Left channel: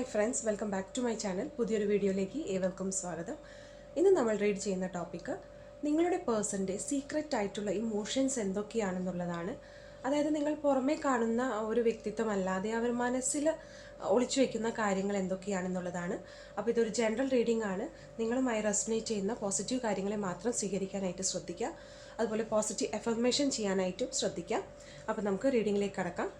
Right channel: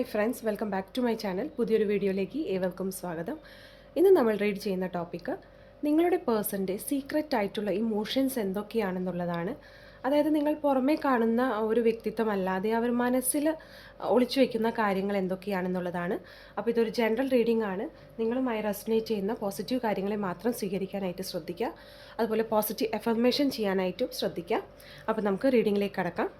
Hi friends, welcome back to my channel. പുതിയൊരു വീഡിയോയിലേക്ക് ഏവർക്കും സ്വാഗതം. ഇന്ന് നമ്മൾ റീഡ് ചെയ്യുന്ന ടോപ്പിക്ക് നിങ്ങളുടെ പേഴ്സൻ്റെ സീക്രറ്റ് ആയിട്ടുള്ള ഇമോഷൻസ് എന്തൊക്കെയാണെന്നുള്ളതാണ്. അതായത് നിങ്ങൾ പുറമേ കാണുന്ന ഒരു വ്യക്തിത്വമല്ലാതെ അവർ മനസ്സിൽ ഒളിച്ചു വയ്ക്കുന്ന കാര്യങ്ങൾ എന്തൊക്കെയാണെന്നുള്ളതാണ്. അപ്പോൾ ഇതൊരു ജനറൽ റീഡിംഗ് ആണ്. നിങ്ങളുമായി റെസൊനേറ്റ് ചെയ്യുന്ന പോസിറ്റീവ് കാര്യങ്ങളെ മാത്രം സ്വീകരിക്കാനായിട്ട് ശ്രദ്ധിക്കുക. അതുപോലെ പോസിറ്റീവ് അഫർമേഷൻ ചെയ്യാനായിട്ടും ശ്രദ്ധിക്കുക. അപ്പോൾ നമുക്ക് റീഡിങ്ങിലേക്ക് കടക്കാം.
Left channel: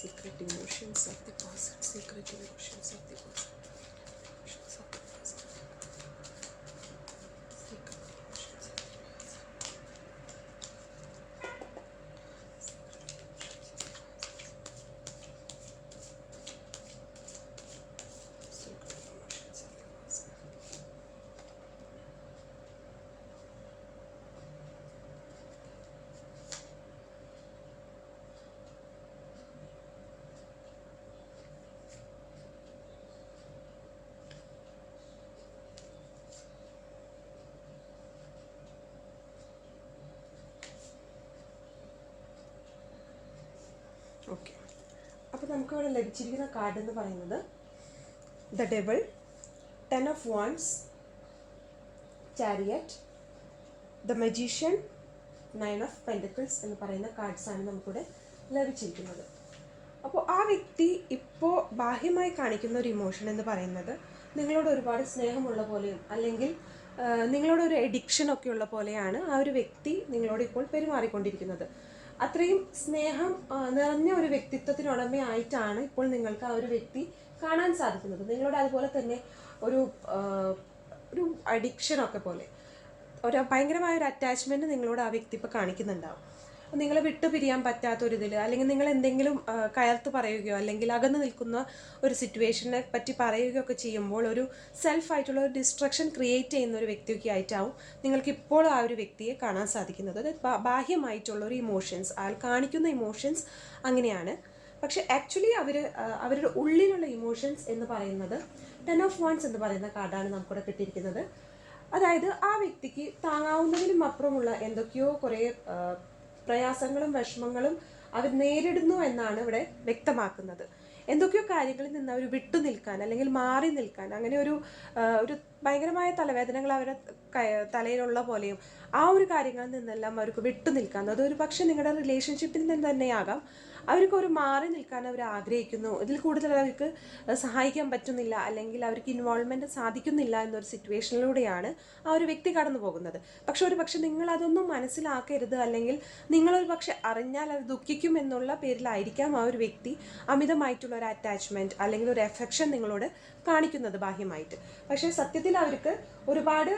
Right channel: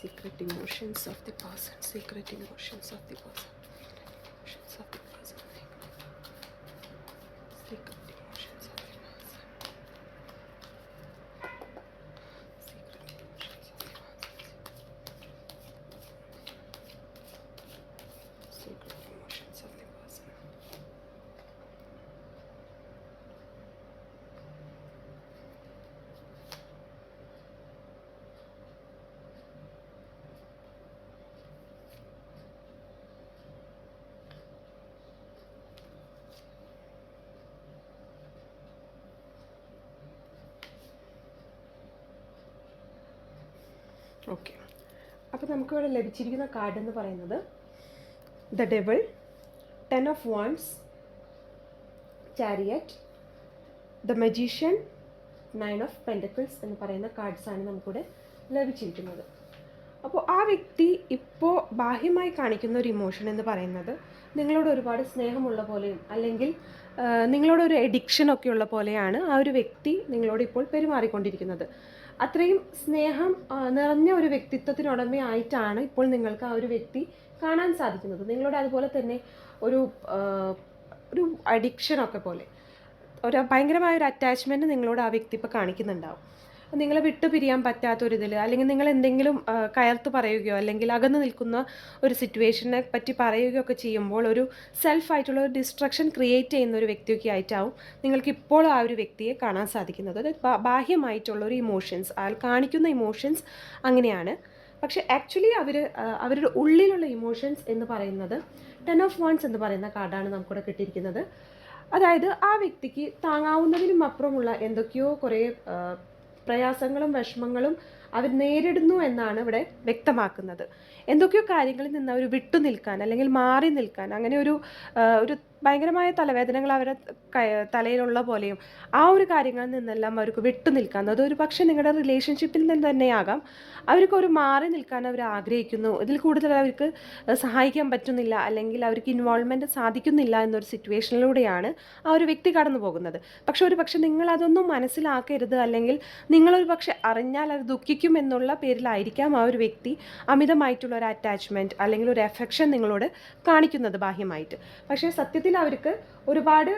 Secret emotions of the person. Secret emotions of the person. Emotions of the person. Secret emotions of the person. Secret emotions of the person. Secret emotions of the person. Okay, അപ്പോൾ നമുക്കിവിടെ ലഭിച്ചിരിക്കുന്ന card എന്ന് പറയുന്നത് the devil, 10 of Wands, chariot, the magician, 9 of Pentacles എന്ന് പറയുന്ന കാർഡ്സാണ് നമുക്കിവിടെ ലഭിച്ചിരിക്കുന്നത്. അപ്പോൾ ആ വ്യക്തി ഇപ്പോൾ ബാഹ്യമായി കാണിക്കുന്ന ഒരു ഇമോഷൻ എന്ന് പറയുന്നത് നിങ്ങളോട് ഒരുപാട് സ്നേഹമുള്ള പോലെയും അല്ലെങ്കിൽ നിങ്ങളോടൊരു എഡിക്ഷനൊക്കെ ഉള്ള പോലെയാണ് ആ ഒരു വ്യക്തി നിങ്ങളോട് ഇപ്പോൾ പെരുമാറിക്കൊണ്ടിരിക്കുന്നത്. അത്രയും സ്നേഹം നിറഞ്ഞ ഒരു വ്യക്തിത്വത്തിനുടമയായിട്ടാണ് ഇപ്പോൾ നിങ്ങൾക്ക് ആ ഒരു വ്യക്തി കാണാൻ സാധിക്കുന്നത്. നിങ്ങളോട് അതുപോലെ തന്നെ ഒരു ഒരു അഡിക്ഷനൊക്കെ പോലെ ഒരു ഭയങ്കരമായൊരു അറ്റാച്ച്മെൻറ്റ് നിങ്ങളോട് ആ വ്യക്തി ഇപ്പോൾ കാണിക്കുന്നുണ്ടാവും. നിങ്ങളെ വിട്ടു പിരിയാൻ പറ്റാത്തൊരിതിൽ അല്ലെങ്കിൽ നിങ്ങൾ എന്തെങ്കിലും കയർത്ത് പറയുകയോ അല്ലെങ്കിൽ അകന്നു നിൽക്കുന്ന ഒരു സിറ്റുവേഷനെ പറ്റി പറയുകയോ ഒക്കെ ചെയ്യുമ്പോൾ ഒരു സെൽഫായിട്ടുള്ള ഒരു ഡിസ്ട്രക്ഷൻ ക്രിയേറ്റ് ചെയ്യുന്ന ഒരു വ്യക്തിയൊക്കെ ആയിട്ടാവും നിങ്ങൾക്ക് ഇപ്പോൾ ആ ഒരു വ്യക്തിയെ കാണാൻ സാധിക്കുന്നത്. അത് ബാഹ്യമായിട്ടുള്ള ഒരു ഇമോഷൻസ്, അയാൾ കാണിക്കുന്ന ഇമോഷൻസ് അങ്ങനെയാണ്. പക്ഷേ ആക്ച്വലി അവരുടെ ഉള്ളിലുള്ള ഇമോഷൻസ് എന്ന് പറയുന്നത് 10 of Wands എന്ന് പറയുന്ന കാർഡാണ് നമുക്കിവിടെ കിട്ടിയിരിക്കുന്നത്. അതായത് ആ വ്യക്തിക്ക് താങ്ങാവുന്നതിനും അപ്പുറമുള്ള എന്തൊക്കെയോ കുറേ പ്രയാസങ്ങളും വിഷമങ്ങളും അവർ നേരിടുന്നു എന്നാണ് ഇവിടെ വ്യക്തമാക്കുന്നത്. എന്തൊക്കെയോ കാര്യങ്ങളിൽ നിന്ന് അവർ വിട്ടു നിൽക്കാൻ അല്ലെങ്കിൽ മാറി നിൽക്കാൻ, അങ്ങനെ ഒരു ഭയങ്കരമായ തലവേദനകൾ അവരുടെ തലയിലുള്ള പോലെയും ആ ഒരു കാര്യങ്ങളിൽ നിന്നെല്ലാം അവർക്ക് വിട്ടു നിൽക്കാൻ, അതൊരു പക്ഷേ നിങ്ങളുടെ റിലേഷൻഷിപ്പിൽ നിന്ന് തന്നെയാകാം, അവർക്കൊരു മാറി നിൽക്കാൻ അവർ ആഗ്രഹിക്കുന്നു. ഇതിൽ കൂടുതൽ അവർക്ക് സഹായിക്കാൻ പറ്റുന്നില്ല അല്ലെങ്കിൽ അവർക്ക് ഇൻവോൾവ്മെൻറ്റ് സാധിക്കുന്നില്ല എന്നൊരു സിറ്റുവേഷനിലൂടെയാണ് ആ ഒരു വ്യക്തി കടന്നു പോകുന്നത്. പക്ഷെ ഒരു പക്ഷേ നിങ്ങളതൊന്നും മനസ്സിലാക്കരുത് അല്ലെങ്കിൽ നിങ്ങളൊരു പക്ഷെ അറിഞ്ഞാൽ അത് ദുഃഖിക്കും എന്നുള്ള പേരിലായിരിക്കാം ആ ഒരു വ്യക്തി അമിതമായിട്ടുള്ള ഒരു അറ്റാച്ച്മെൻറ്റ് അല്ലെങ്കിൽ ഒരു എഫെക്ഷൻ നിങ്ങളോട് കാണിക്കുന്നത് ബാഹ്യമായിട്ട്. പക്ഷേ സത്യത്തിൽ അവർക്ക് ഒരുപാട്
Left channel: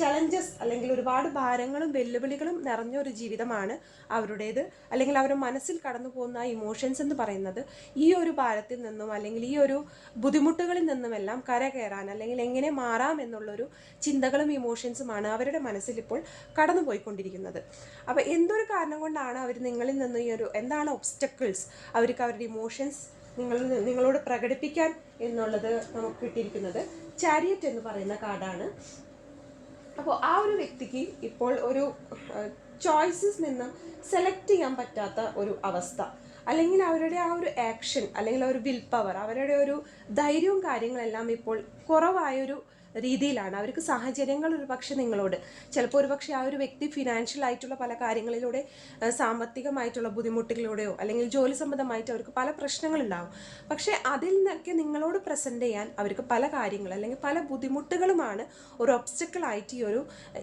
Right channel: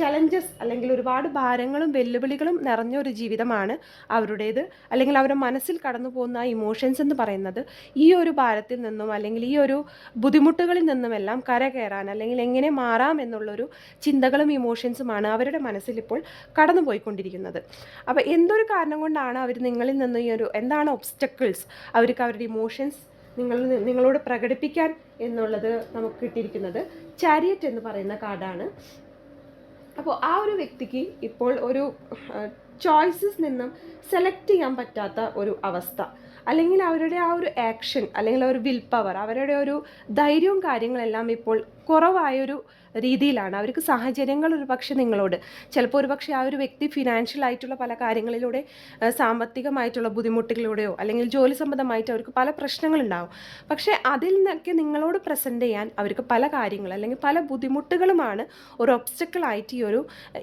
ചലഞ്ചസ് അല്ലെങ്കിൽ ഒരുപാട് ഭാരങ്ങളും വെല്ലുവിളികളും നിറഞ്ഞ ഒരു ജീവിതമാണ് അവരുടേത്. അല്ലെങ്കിൽ അവരുടെ മനസ്സിൽ കടന്നു പോകുന്ന ആ ഇമോഷൻസ് എന്ന് പറയുന്നത് ഈ ഒരു ഭാരത്തിൽ നിന്നും അല്ലെങ്കിൽ ഈ ഒരു ബുദ്ധിമുട്ടുകളിൽ നിന്നുമെല്ലാം കരകയറാൻ അല്ലെങ്കിൽ എങ്ങനെ മാറാം എന്നുള്ളൊരു ചിന്തകളും ഇമോഷൻസുമാണ് അവരുടെ മനസ്സിൽ ഇപ്പോൾ കടന്നു പോയിക്കൊണ്ടിരിക്കുന്നത്. അപ്പോൾ എന്തൊരു കാരണം കൊണ്ടാണ് അവർ നിങ്ങളിൽ നിന്ന് ഈ ഒരു എന്താണ് ഒബ്സ്റ്റക്കിൾസ് അവർക്ക് അവരുടെ ഇമോഷൻസ് നിങ്ങളോട് പ്രകടിപ്പിക്കാൻ എന്നുള്ളത് നമുക്ക് കിട്ടിയിരിക്കുന്നത് ചാരിയറ്റ് എന്ന് പറയുന്ന കാർഡാണ്. അപ്പോൾ ആ ഒരു വ്യക്തിക്ക് ഇപ്പോൾ ഒരു ചോയ്സസ് നിന്നും സെലക്ട് ചെയ്യാൻ പറ്റാത്ത ഒരു അവസ്ഥ, അല്ലെങ്കിൽ അവരുടെ ആ ഒരു ആക്ഷൻ അല്ലെങ്കിൽ ഒരു വിൽ പവർ, അവരുടെ ഒരു ധൈര്യവും കാര്യങ്ങളെല്ലാം ഇപ്പോൾ കുറവായൊരു രീതിയിലാണ്. അവർക്ക് സാഹചര്യങ്ങൾ ഒരു പക്ഷേ നിങ്ങളോട് ചിലപ്പോൾ ഒരു പക്ഷേ ആ ഒരു വ്യക്തി ഫിനാൻഷ്യൽ ആയിട്ടുള്ള പല കാര്യങ്ങളിലൂടെ സാമ്പത്തികമായിട്ടുള്ള ബുദ്ധിമുട്ടുകളിലൂടെയോ അല്ലെങ്കിൽ ജോലി സംബന്ധമായിട്ട് അവർക്ക് പല പ്രശ്നങ്ങളുണ്ടാവും. പക്ഷേ അതിൽ നിന്നൊക്കെ നിങ്ങളോട് പ്രസൻറ്റ് ചെയ്യാൻ അവർക്ക് പല കാര്യങ്ങൾ അല്ലെങ്കിൽ പല ബുദ്ധിമുട്ടുകളുമാണ് ഒരു ഒബ്സ്റ്റക്കിളായിട്ട് ഈ ഒരു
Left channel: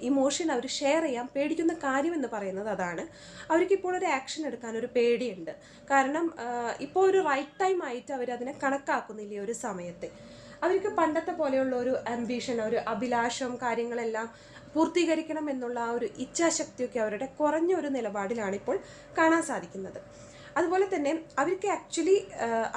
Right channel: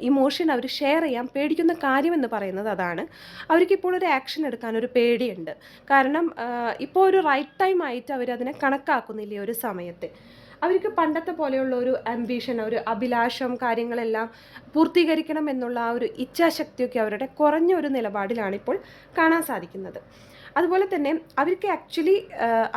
ഇമോഷൻ അവർ ഷെയർ ചെയ്യാൻ പേടിക്കുന്ന കാര്യമെന്ന് പറയുന്നത് അതാണ്. അവർക്കിപ്പോൾ ഒരു ആക്ഷൻ എടുക്കാൻ ഒരു പേടിയുണ്ട്. കാരണം ഇപ്പോൾ ഒരു റൈറ്റ് ടൈം ആയിട്ട് അവരതിനെ കണക്കാക്കുന്നില്ല. ഒരു സമയത്ത് അവർക്ക് പണ്ടത്തെ പോലെയുള്ള ഒരു ആംബിഷൻ, ഒരു അഭിലാഷം, കാര്യങ്ങളെല്ലാം പൂർത്തീകരിക്കണം എന്നുള്ള ആ ഒരു ഇച്ഛാശക്തിയൊക്കെ അവരുടെ കുറഞ്ഞ ഒരു നിലപാടിലാണ് ഇപ്പോൾ കാണാൻ സാധിക്കുന്നത്. അതുപോലെ തന്നെ അവർക്ക് ആക്ച്വലി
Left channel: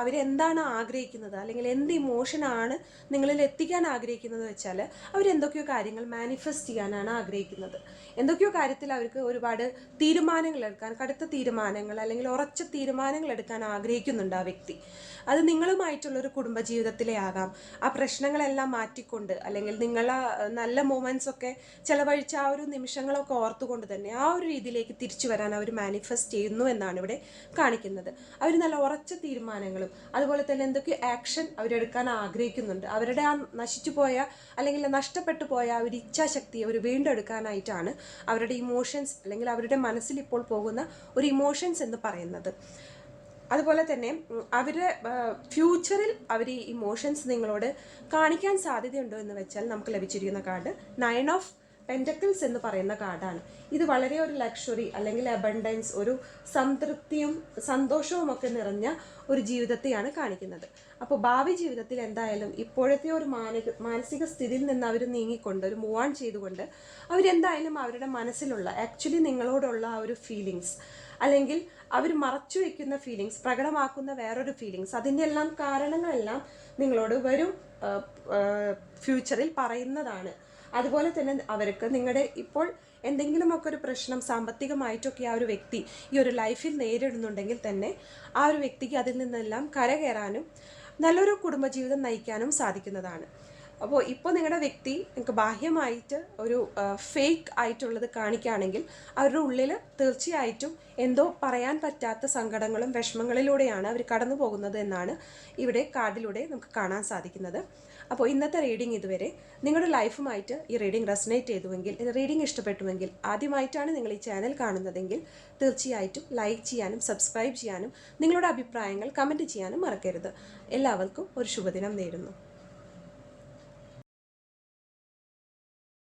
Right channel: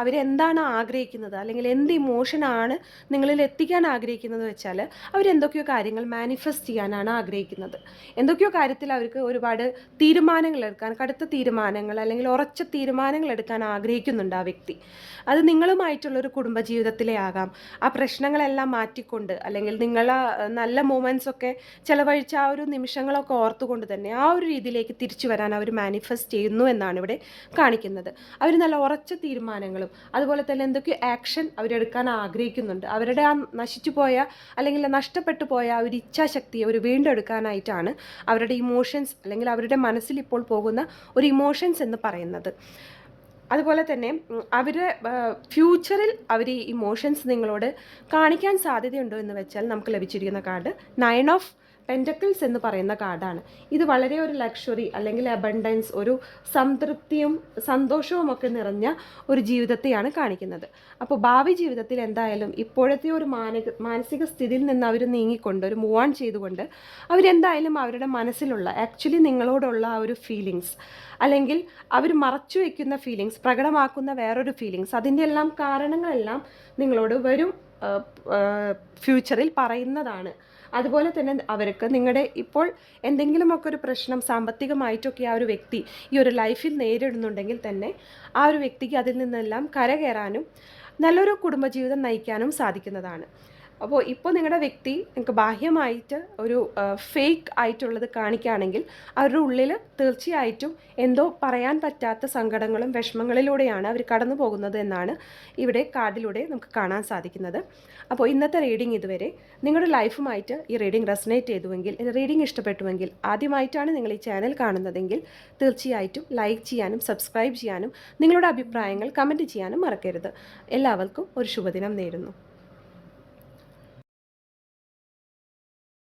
അവരെന്താണ് ആഗ്രഹിക്കുന്നത് അല്ലെങ്കിൽ എന്ത് ഇമോഷനാണ് നിങ്ങളിൽ എത്തിക്കാൻ ആഗ്രഹിക്കുന്നത് വെച്ചാൽ അവരെന്തൊക്കെയോ കാര്യങ്ങൾ മാനിഫെസ്റ്റ് ചെയ്യാനാണ് ആഗ്രഹിക്കുന്നത്. എന്തൊക്കെയോ കാര്യത്തിൽ അവർക്ക് ഒരുപാട് തീരുമാനങ്ങൾ എടുക്കാൻ, കടുത്ത തീരുമാനങ്ങൾ അല്ലെങ്കിൽ ഉറച്ച തീരുമാനങ്ങൾ എടുക്കാൻ ആഗ്രഹിക്കുന്നുണ്ട് ആ വ്യക്തി. അത് നിങ്ങളുമായിട്ടുള്ളൊരു കുടുംബജീവിതത്തിലെ ആകാം. ആ പ്രശ്നങ്ങളെല്ലാം മാറ്റിക്കൊണ്ട് അല്ലെങ്കിൽ നിങ്ങളെ നല്ല മൊമെൻറ്റ്സ് ഒക്കെ ചിലവഴിച്ച ആ ഒരു നിമിഷങ്ങളൊക്കെ ഓർത്തുകൊണ്ട് തന്നെ ആ ഒരു രീതിയിലേക്ക് തിരിച്ചു വരാൻ അവർ മാനിഫെസ്റ്റ് ചെയ്യുന്നു എന്നാണ് ഇവിടെ കാണിക്കുന്നത്. അവർ നല്ല ഉറച്ച തീരുമാനങ്ങളും അതുപോലെ തന്നെ എന്തൊക്കെ ആക്ഷൻ അവരെടുക്കാൻ ആഗ്രഹിക്കുന്നുണ്ട്. അവരുടെ ആ നശിച്ചു പോയ അല്ലെങ്കിൽ നഷ്ടപ്പെട്ടു പോയ ആ ഒരു ഇച്ഛാശക്തിയെ അവർ വീണ്ടെടുക്കാനായിട്ടാണ് അവരുടെ ഇമോഷൻസ് അല്ലെങ്കിൽ അവരുടെ മനസ്സിൽ ഇപ്പോൾ പോകുന്ന ഒരു ഇമോഷൻസ് എന്ന് പറയുന്നത്. അതുപോലെ തന്നെ അവരുടെ ഫ്യൂച്ചറിൽ അവർ ഈ ഇമോഷൻസ് നിങ്ങളോട് കാണിക്കാൻ സാധ്യതയുണ്ടോ എന്ന് വെച്ചാൽ നമുക്ക് ലഭിച്ചിരിക്കുന്ന കാർഡ് 9 ഓഫ് പെൻറ്റക്കിൾസ് എന്ന് പറയുന്ന കാർഡാണ്. ഇത് വളരെ ഒരു ലക്ഷറി അല്ലെങ്കിൽ അബണ്ടൻസ്, ഒരു സംതൃപ്തിയും സന്തോഷവും ഒക്കെ നിറഞ്ഞ ഒരു ജീവിതത്തെയാണ് കാണിക്കുന്നത്. അപ്പോൾ ഭാവി ജീവിതത്തിൽ എന്തായാലും ഇപ്പോഴത്തെ ഒരു മാനസിക സ്ഥിതിയിൽ നിന്ന് അവർ നീങ്ങിക്കൊണ്ട് ഒരു മൂവ് ഓൺ ചെയ്തുകൊണ്ട് അവരെന്തായാലും അവരുടെ മനസ്സിലുള്ള ആക്ച്വലി നിങ്ങളോടുള്ള ആ ഒരു ഫീലിങ്സ് അല്ലെങ്കിൽ അവർ മറച്ചു വയ്ക്കുന്ന ഫീലിങ്സ്, പ്രകടമാക്കുന്ന വേറൊരു ഫീലിങ്സ്, അതിൻ്റെ എല്ലാം കാരണങ്ങളെല്ലാം നിങ്ങളോട് വരും ഫ്യൂച്ചറിൽ പറയുന്നതാണ്. അതുപോലെ തന്നെ അവർക്ക് നിങ്ങളുടെ ഇപ്പോൾ എന്തെങ്കിലുമൊക്കെ ഒരു പ്രശ്നം സാമ്പത്തികമായിട്ടൊക്കെ ആ ഒരു വ്യക്തി ഈ ഒരു ലൈഫിൽ നേരിടുന്നുണ്ടെങ്കിൽ തന്നെ ആ ഒരു വ്യക്തിക്ക് അതിൽ നിന്നെല്ലാം കരകയറാനും നല്ലൊരു കുടുംബജീവിതം നയിക്കാനും സാധിക്കുന്നതാണ്. അപ്പോൾ ഇപ്പോൾ നിങ്ങളുടെ വ്യക്തി നിങ്ങൾക്ക് ബാഹ്യമായിട്ട് ഒരു ഫേക്ക് ആയിട്ടുള്ളത് കാണിക്കുകയാണെങ്കിൽ അവരുടെ ഉള്ളിൽ തീർച്ചയായിട്ടും എന്തോ പറയാൻ പറ്റാത്ത സങ്കടങ്ങളും വിഷമങ്ങളിലൂടെയാണ് അവർ കടന്നു പോകുന്നത് എന്നാണ് ഇവിടെ കാർഡിലൂടെ നമുക്ക് കാണാൻ സാധിക്കുന്നത്. അപ്പോൾ ഇന്നത്തെ റീഡിംഗ് ഇതുവരെ. നിങ്ങളുടെ ലൈഫുമായിട്ട് ഈ റീഡിംഗ് റെസനേറ്റ് ചെയ്തുവെങ്കിൽ, റീഡിംഗ് ഇഷ്ടപ്പെട്ടുവെങ്കിൽ, ആദ്യമായിട്ടാണ് നിങ്ങൾ ഈ ചാനൽ കാണുന്നതെങ്കിൽ തീർച്ചയായിട്ടും ലൈക്ക് ചെയ്യാനും സബ്സ്ക്രൈബ് ചെയ്യാനും നിങ്ങളുടെ അഭിപ്രായങ്ങൾ കമൻറ്റ് ചെയ്യാനും മറക്കരുത്. എല്ലാവർക്കും ഒരു ശുഭദിനം നേരുന്നു.